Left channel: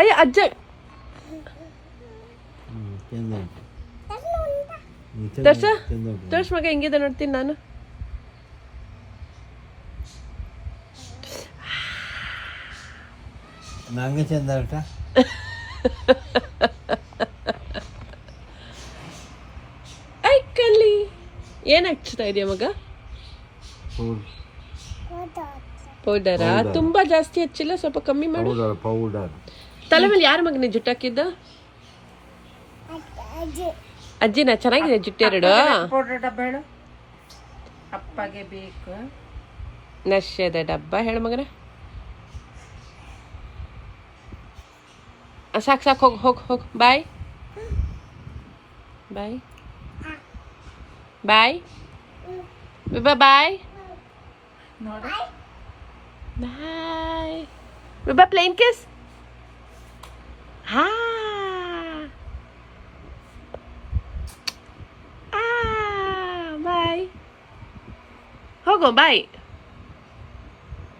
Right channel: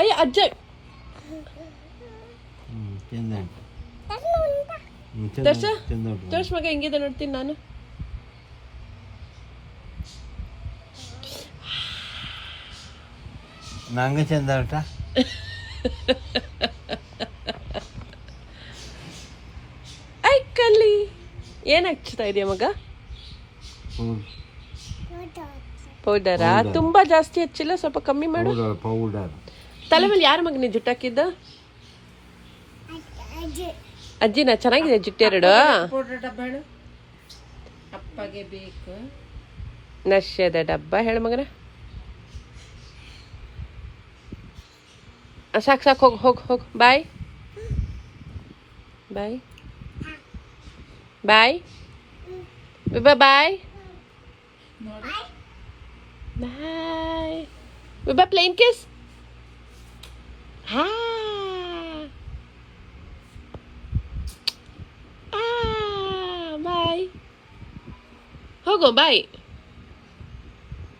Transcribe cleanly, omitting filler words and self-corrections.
ಅಯ್ಯ ಅಜ್ಜ ದರ್ಶ ತೋರ್ಸ್ ಮಗ ಹೆಂಗಿದೆ ನೋಡ್ತೀನಿ ನಾನು. ನಂಗೆ ಚಂದ ಉಂಟಾ? ಐಕಲ್ಲಿ ಏನ್ ಹಚ್ತಾ ಇದೆಯಾ ಮಗ? ಪೌಡರಾ? ತುಂಬಾ ಜಾಸ್ತಿ ಹಚ್ಚಿಲ್ಲ, ಸ್ವಲ್ಪ ಕಮ್ಮಿ ಮಾಡು. ಪೌಡರ್. ತಲೆ ಮೇಲೆ ಯಾರ ಮಗನೇ ಜುಟ್ಟು ಹಾಕಿದ್ದು? ಅಜ್ಜಿನ. ಚೆನ್ನಾಗಿದೆ ಜುಟ್ಟು ಎರಡು. ಪೌಡರ್ ಡಬ್ಬ ಹೇಳು ಅಪ್ಪಗೆ ಬೇಕು. ನಶ್ಯದ ಡಬ್ಬ ಹೇಳು ಮಗನ. ಸಾಕು ಸಾಕು, ಹೋಗ್ ಹೋಗ್ ಹೋಗ್. Bye bye bye bye bye bye bye. Plain kiss. ಹಾ ಬಾಯ್. ಹೋಗೋ ಬಾಯ್.